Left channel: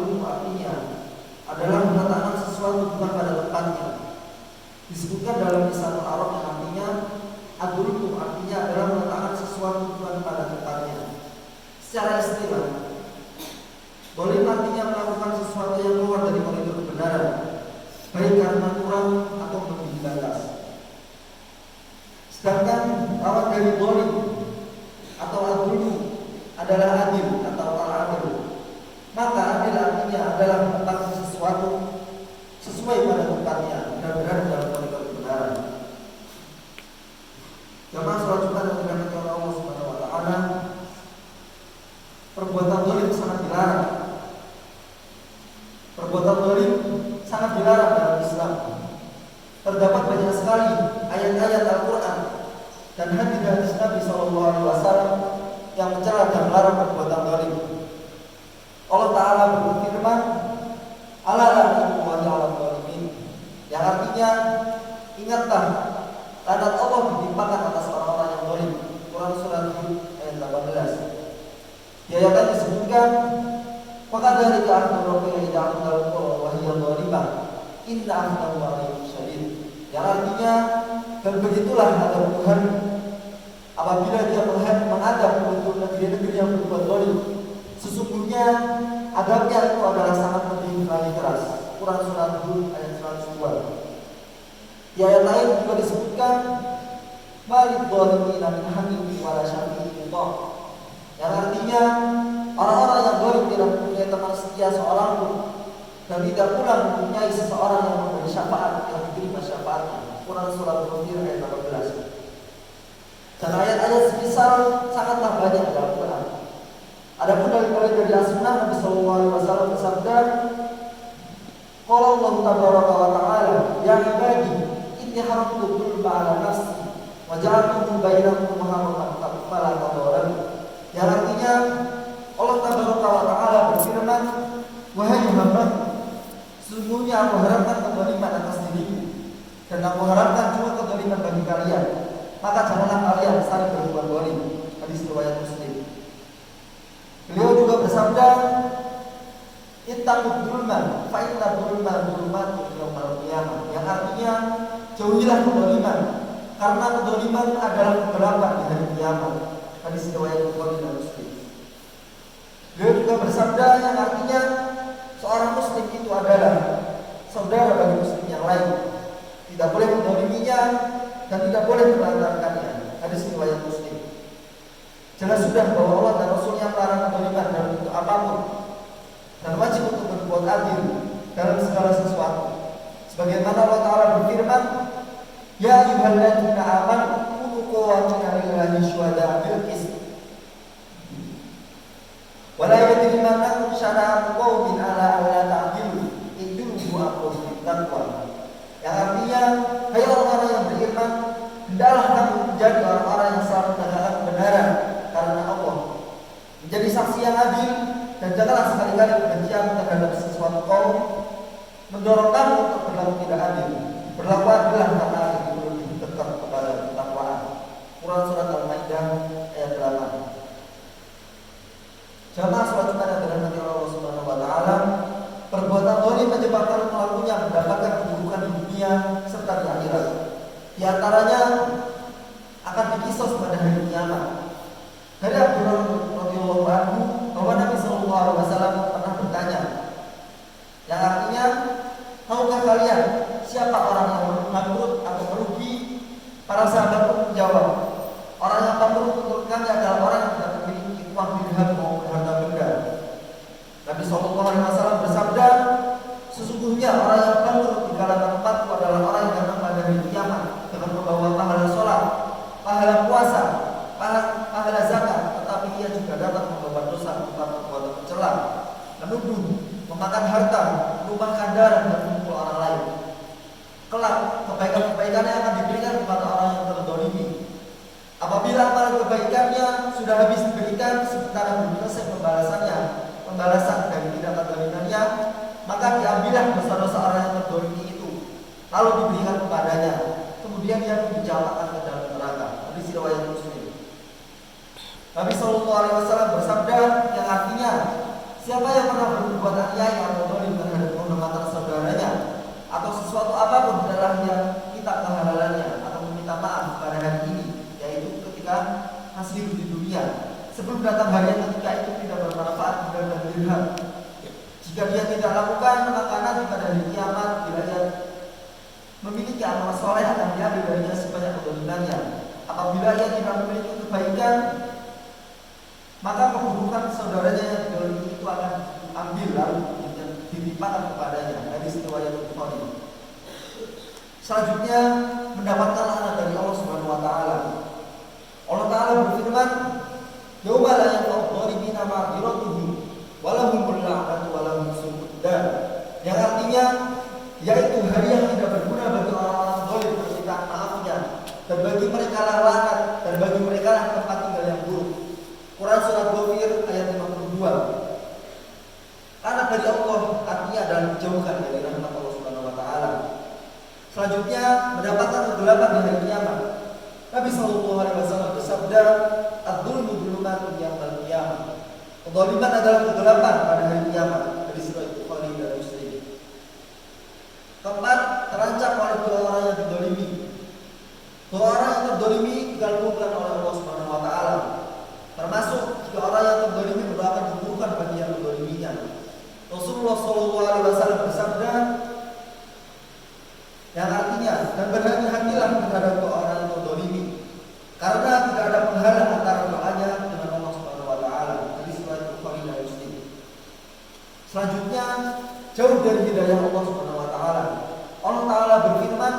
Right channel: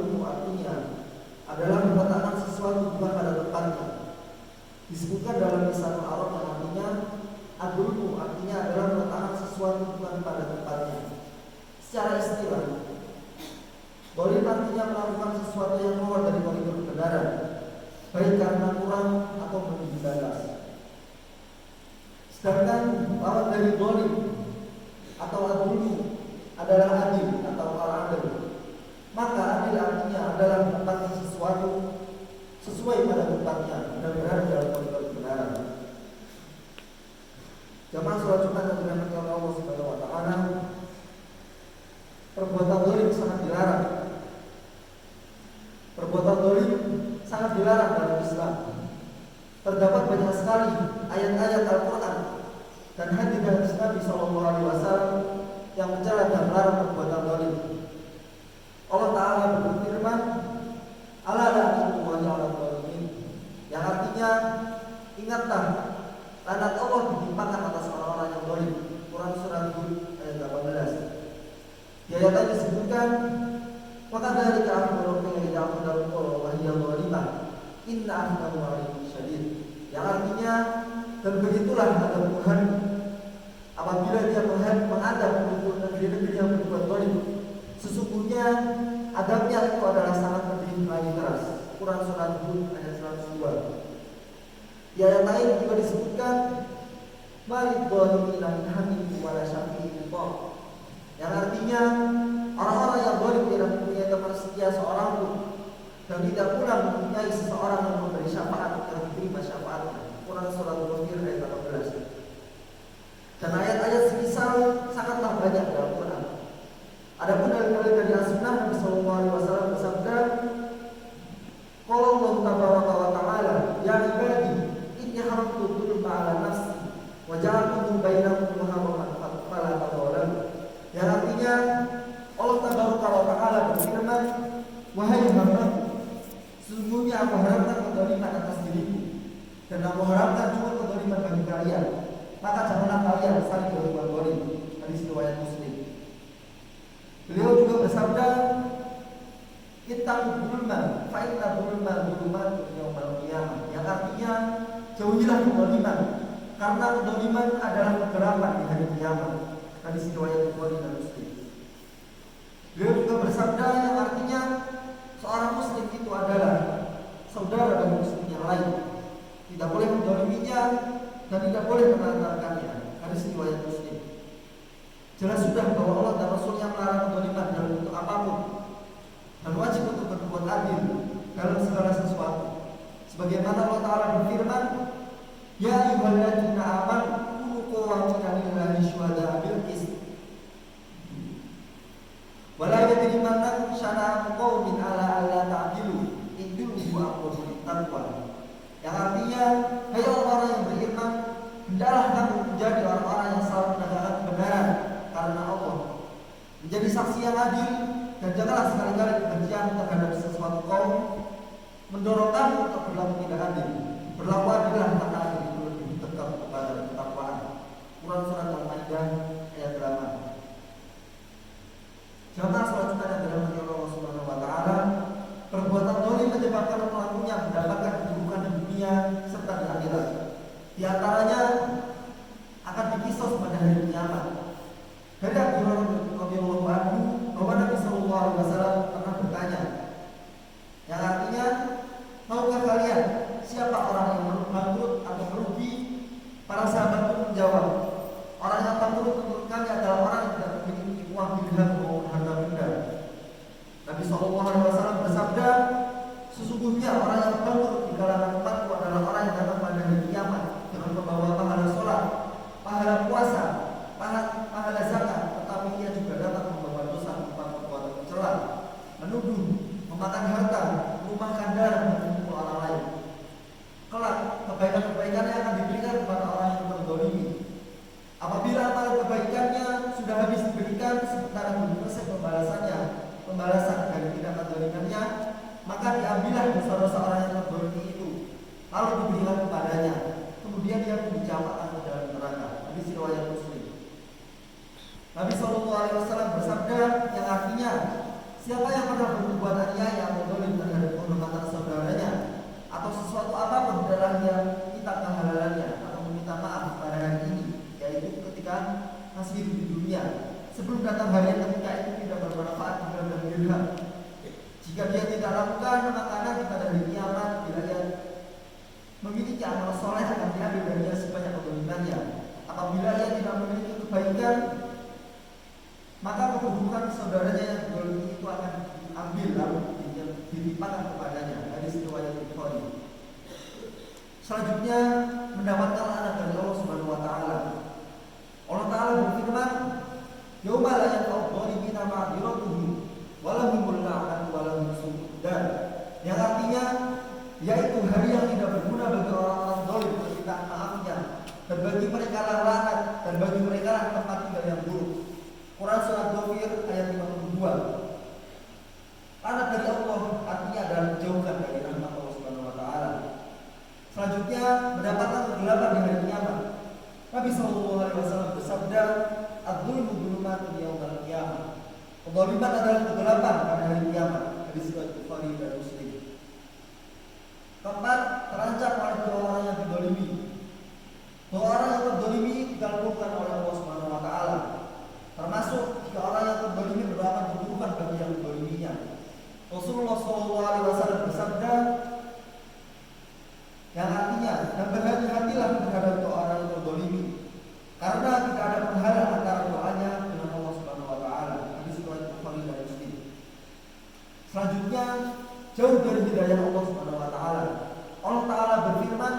adul artinya adalah meletakkan sesuatu bukan pada tempatnya. Disebutkan dalam lisanul Arab yang artinya adul artinya adalah meletakkan sesuatu bukan pada tempatnya. Secara istilah, dolim artinya melakukan sesuatu yang keluar dari koridor kebenaran, baik karena kurang atau melebihi batas. Sedangkan lawan dari dolim atau adul adalah adil atau al-adil. Maka adil artinya adalah menempatkan sesuatu sesuai pada tempatnya dan berada dalam koridor kebenaran. Jamaah salat Jumat yang dirahmati oleh Allah Subhanahu wa taala, perbuatan dolim sangat dilarang. Perbuatan dolim sangat dilarang dalam Islam. Terdapat banyak sekali ayat-ayat Al-Quran dan hadis Nabi SAW yang mencela dan melarang perbuatan dolim. Allah Ta'ala berfirman, "Ala la'natullahi 'alal zalimin," yang artinya ingatlah laknat Allah ditimpakan atas orang-orang yang dolim. Quran surat Hud ayat 18. Di ayat yang disebutkan, "Maka dari keakhir Rabbika idza akhadha al-qura wa hiya zalimah, inna akhdahu 'alimun syadid." Yang artinya, dan begitulah adab Tuhan apabila Dia mengadab untuk negeri-negeri yang berbuat dolim. Sesungguhnya adabnya itu adalah sangat pedih lagi keras. Quran surat Hud ayat 102. Di ayat lain juga disebutkan, "Malid dhalimina min hamim wala syafi'in thaq." Yang artinya orang-orang yang dolim tidak mempunyai teman setia seorang pun dan tidak pula mempunyai seseorang yang memberi syafaat yang diterima syafaatnya. Quran surat Al-Ghafir ayat 18. Dan ayat-ayat semisal sangatlah banyak dalam Quran. Adapun dari as-sunnah, Nabi sallallahu alaihi wasallam bersabda, "Qala Allah tabaraka wa ta'ala, ya ibadi, inni haramtu dzulma 'ala nafsi wa ja'altuhu bainakum muharraman fala tadhalamu." Yang artinya Allah tabaraka wa ta'ala berfirman, "Wahai Muhammad, sesungguhnya aku haramkan kezaliman atas diriku dan aku haramkan juga kezaliman bagi kalian. Maka janganlah kalian saling berbuat zalim." Hadis riwayat Muslim. Beliau juga bersabda, "Ittaqud dzulma fa inna dzulma dzulumatun yaumil qiyamah." Yang artinya jauhilah kezaliman karena kezaliman adalah kegelapan di hari kiamat. Hadis riwayat Bukhari dan Muslim. Beliau juga bersabda yang artinya seorang muslim itu adalah saudara bagi muslim yang lain. Tidak boleh menzaliminya dan tidak boleh melantarkannya. Hadis riwayat Muslim. Jelas sudah bahwa Allah dan Rasulnya melarang kezaliman dalam bentuk apapun dan wajib untuk berbuat adil dalam segala sesuatu. Sebagaimana Allah Ta'ala berfirman, "Ya ayyuhalladzina amanu kunu qawwamina lillahi syuhada'a bil qist wa la yajrimannakum syana'anu qaumin 'ala alla ta'dilu i'dilu aqrabu lit-taqwa." Yang artinya, hai orang-orang yang beriman, hendaklah kamu menjadi orang-orang yang selalu menegakkan kebenaran karena Allah, menjadi saksi yang adil, dan janganlah sekali-kali kebencian terhadap sesuatu kaum mendorong kamu untuk berlaku tidak adil. Berlaku adillah karena itu lebih dekat kepada ketakwaan. Quran surat Al-Maidah ayat 8. Jamaah salat Jumat yang dirahmati Allah Subhanahu wa taala, perbuatan zalim menyebabkan pelakunya mendapatkan keburukan di dunia serta di akhirat. Di antaranya akan dikisos pada hari kiamat. Dari Abdullah radhiyallahu anhu bahwa Nabi sallallahu alaihi wasallam pernah bertanya, yang artinya, "Tahukah kalian siapa orang yang bangkrut atau merugi?" Para sahabat pun menjawab, "Orang yang bangkrut menurut kami adalah orang yang tidak memiliki uang dirham maupun harta benda." Nabi sallallahu alaihi wasallam bersabda, "Sesungguhnya orang yang bangkrut di kalangan umatku adalah orang yang datang pada hari kiamat dengan membawa pahala sholat, pahala puasa, pahala zakat, tetapi ia juga datang membawa dosa berupa perbuatan mencela, menuduh, memakan harta, menumpahkan darah dan memukul orang lain. Kelak kebaikan-kebaikannya akan diberikan kepada orang yang terzalimi. Apabila amalan kebaikannya sudah habis diberikan sementara belum selesai pembalasan dari tidak kezalimannya, maka diambillah dosa-dosa orang yang terzalimi itu, lalu diberikan kepadanya. Kemudian dia dicampakkan ke dalam neraka." Hadis riwayat Muslim. Nabi sallallahu alaihi wasallam bersabda yang artinya, Siapa yang pernah berbuat aniaya atau zalim terhadap kehormatan saudaranya atau sesuatu apapun di dalamnya kitab kehalalannya atau meminta maaf pada hari ini, yaitu ketika masih hidup di dunia, sebelum datang hari yang ketika itu tidak bermanfaat dan dirham. Jika dia tidak lakukan, maka nanti pada hari kiamat bila dia memiliki amal soleh akan diambil darinya sebanyak kebaikannya. Apabila ia tidak memiliki kebaikan, maka keburukan saudaranya yang didolimi itu akan diambil lalu ditimpakan kepadanya. Hadis riwayat Bukhari. Selanjutnya mendapatkan laknat dari Allah Subhanahu wa taala. Allah taala berfirman, "Yauma la yanfa'u adh-dhalimina ma'dziratuhum wa lahumul la'natu wa lahum su'ud dar." Yang artinya yaitu hari yang tidak berguna bagi orang-orang zalim permintaan maafnya, dan bagi mereka lah laknat, dan bagi mereka lah tempat tinggal yang buruk. Quran surat Ghafir ayat 52. Laknat dari Allah artinya adalah dijauhkan dari rahmat Allah Subhanahu wa taala. Selanjutnya mendapatkan kegelapan di hari kiamat. Nabi sallallahu alaihi wasallam bersabda, "Adz-dzulmu dzulumatun yaumil qiyamah." Kezaliman adalah kegelapan pada hari kiamat. Hadis riwayat Bukhari dan Muslim. Keempat, terancam oleh dua orang yang terdolimi. Dua orang yang terdolimi dilakukan oleh Allah Subhanahu wa taala. Termasuk jika orang yang terdolimi merupakan keburukan bagi yang terdoliminya. Rasulullah sallallahu alaihi wasallam bersabda, yang artinya, dan berhati-hatilah terhadap dua orang yang terdolimi, karena tidak ada penghalang antara doanya dengan Allah Subhanahu wa taala. Hadis riwayat Bukhari dan Muslim. Selanjutnya, jauh dari hidayah Allah Subhanahu wa taala. Allah taala berfirman,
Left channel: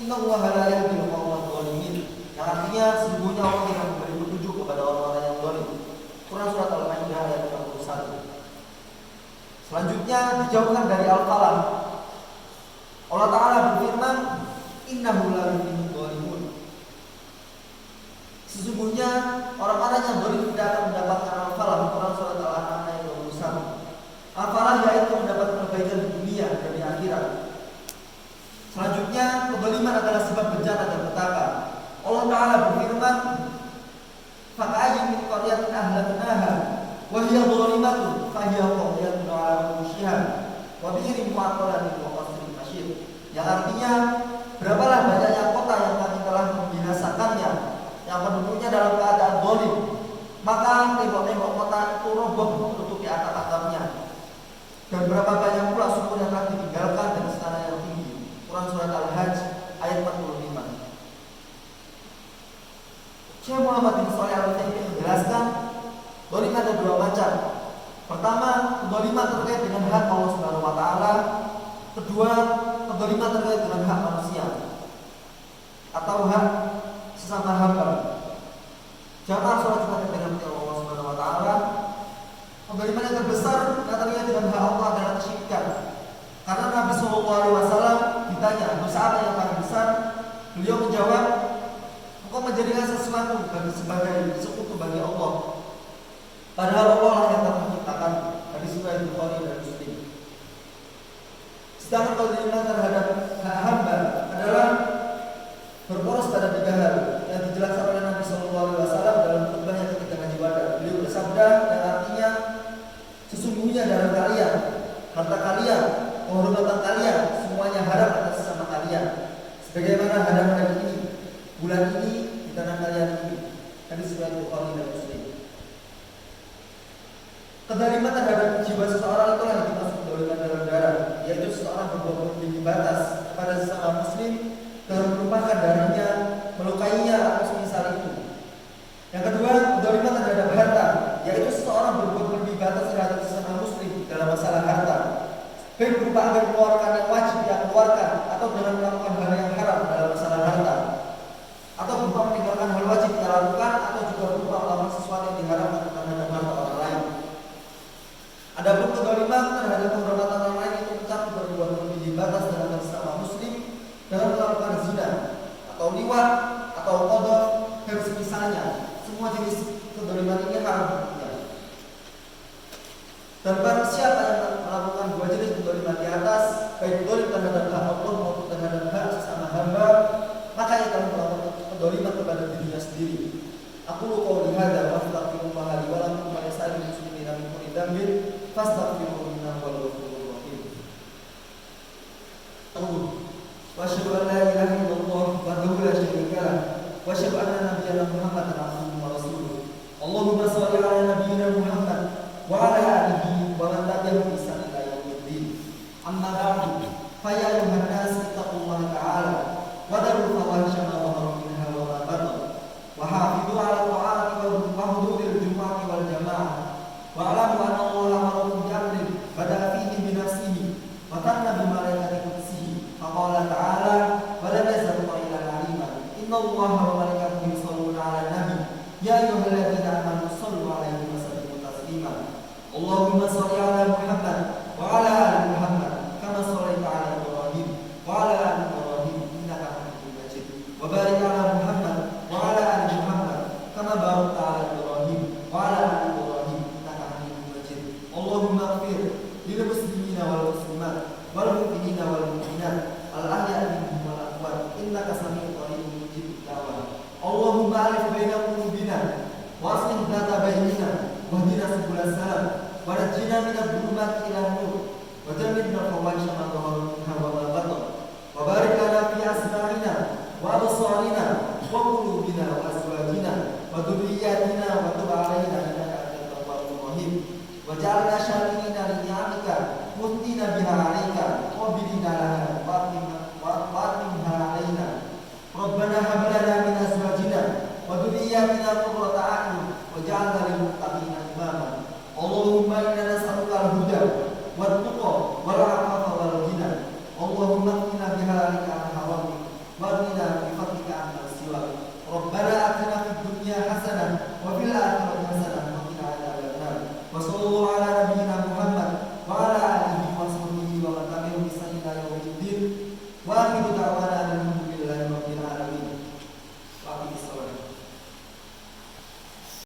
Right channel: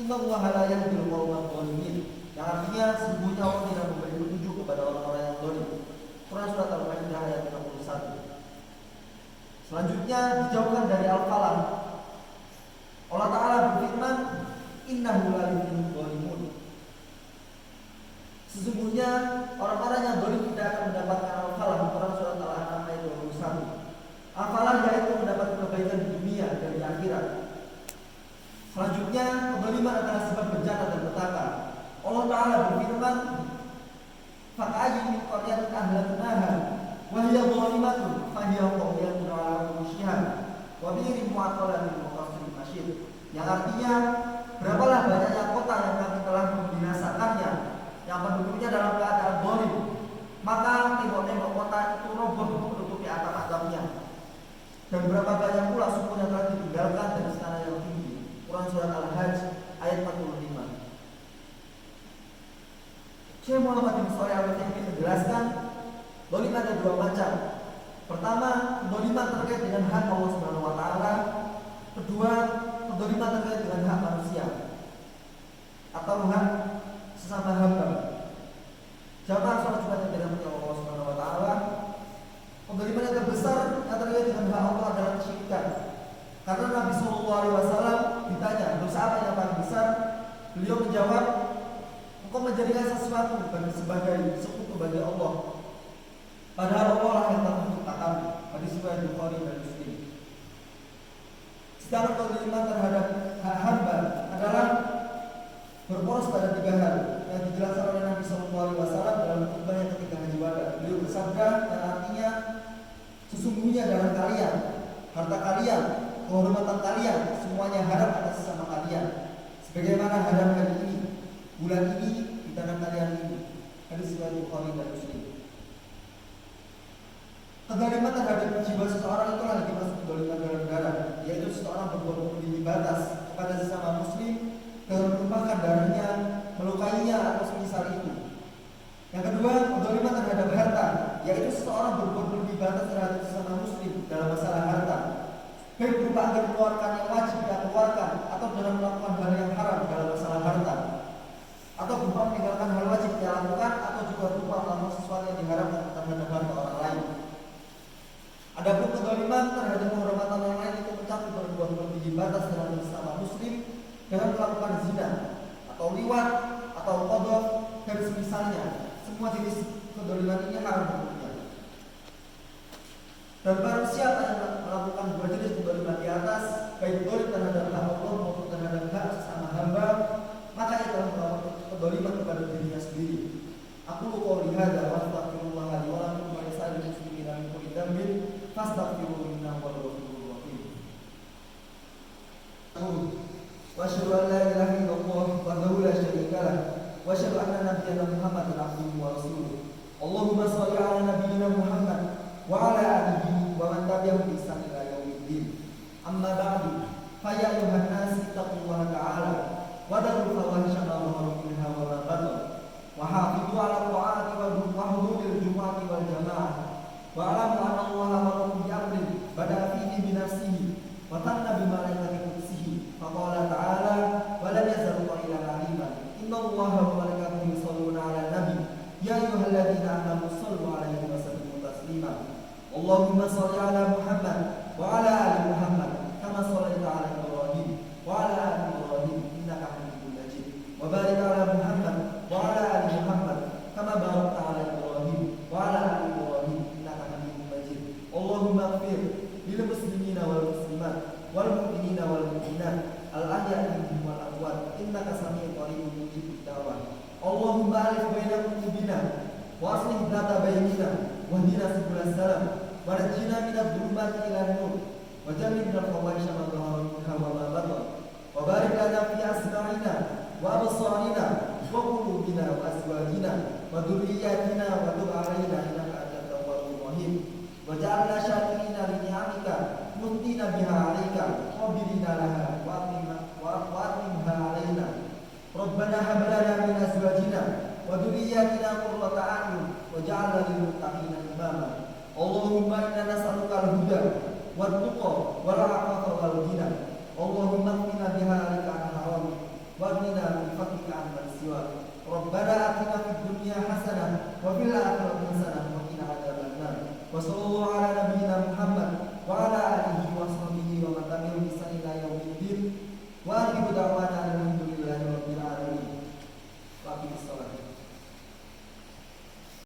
"Innallaha la yahdil qaumadh dhalimin." Yang artinya sesungguhnya Allah tidak memberi petunjuk kepada orang-orang yang zalim. Quran surat Al-Maidah ayat 41. Selanjutnya dijauhkan dari al-falah. Allah taala berfirman, "Innahu la yuhibbul dhalimun." Sesungguhnya orang-orang yang zalim tidak akan mendapatkan al-falah. Quran surat Al-An'am ayat 21. Al-falah yaitu mendapat kebaikan di dunia dan di akhirat. Selanjutnya, kezaliman adalah sebab bencana dan petaka. Allah taala berfirman, "Fa'ayyin min qaryatin ahlaknaha wa hiya dhalimatun fa hiya qawiyatun 'ala urushiha wa bi'irin mu'attalatin wa qasrin masyid." Yang artinya, berapalah banyaknya kota yang kami telah membinasakannya, yang penduduknya dalam keadaan zalim, maka tembok-tembok kota itu roboh menutupi atap-atapnya. Dan berapa banyak pula sumur yang telah ditinggalkan dan istana yang tinggi. Quran surat Al-Hajj ayat 45. Syekh Muhammad bin Shalih Al-Utsaimin menjelaskan, zalim ada dua macam. Pertama, kezaliman terkait dengan hak Allah Subhanahu wa taala. Kedua, kezaliman terkait dengan hak manusia atau hak sesama hamba. Jamaah salat Jumat yang dirahmati Allah Subhanahu wa taala, kezaliman yang terbesar yang terkait dengan hak Allah adalah kesyirikan. Karena Nabi sallallahu alaihi wasallam ditanya, "Dosa apa yang paling besar?" Beliau menjawab, "Engkau menjadikan sesuatu sebagai sekutu bagi Allah, padahal Allah lah yang telah menciptakan." Hadis riwayat Bukhari dan Muslim. Sedangkan kezaliman terhadap hak hamba adalah berporos pada tiga hal yang dijelaskan oleh Nabi sallallahu alaihi wasallam dalam khutbahnya ketika Haji Wada. Beliau bersabda yang artinya, "Sesungguhnya dalam kalian, harta kalian, kehormatan kalian, semuanya haram atas sesama kalian, sebagaimana haram hari ini, bulan ini, di tanah kalian ini." Hadis riwayat Bukhari dan Muslim. Kezaliman terhadap jiwa seseorang itulah yang dimaksud kezaliman dalam darah, yaitu seseorang berbuat melebihi batas pada sesama muslim dan merupakan darahnya, melukainya atau semisal itu. Yang kedua, kezaliman terhadap harta, yaitu seseorang berbuat melebihi batas terhadap sesama muslim dalam masalah harta, baik berupa agar mengeluarkan yang wajib dia keluarkan, atau dengan melakukan hal yang haram dalam masalah harta, atau berupa meninggalkan hal wajib dia lakukan, atau juga berupa melakukan sesuatu yang diharamkan terhadap harta orang lain. Adapun kezaliman terhadap kehormatan orang lain itu mencakup berbuat melebihi batas terhadap sesama muslim dengan melakukan zina atau liwat atau qadhaf dan semisalnya. Semua jenis kezaliman ini haram hukumnya. Dan barang siapa yang melakukan dua jenis kezaliman di atas, baik zalim terhadap hak Allah maupun terhadap hak sesama biha 'alaika wa bidina laha wa atimha 'alaina. Rabbana hab lana min azwajina wa dhurriyyatina qurrata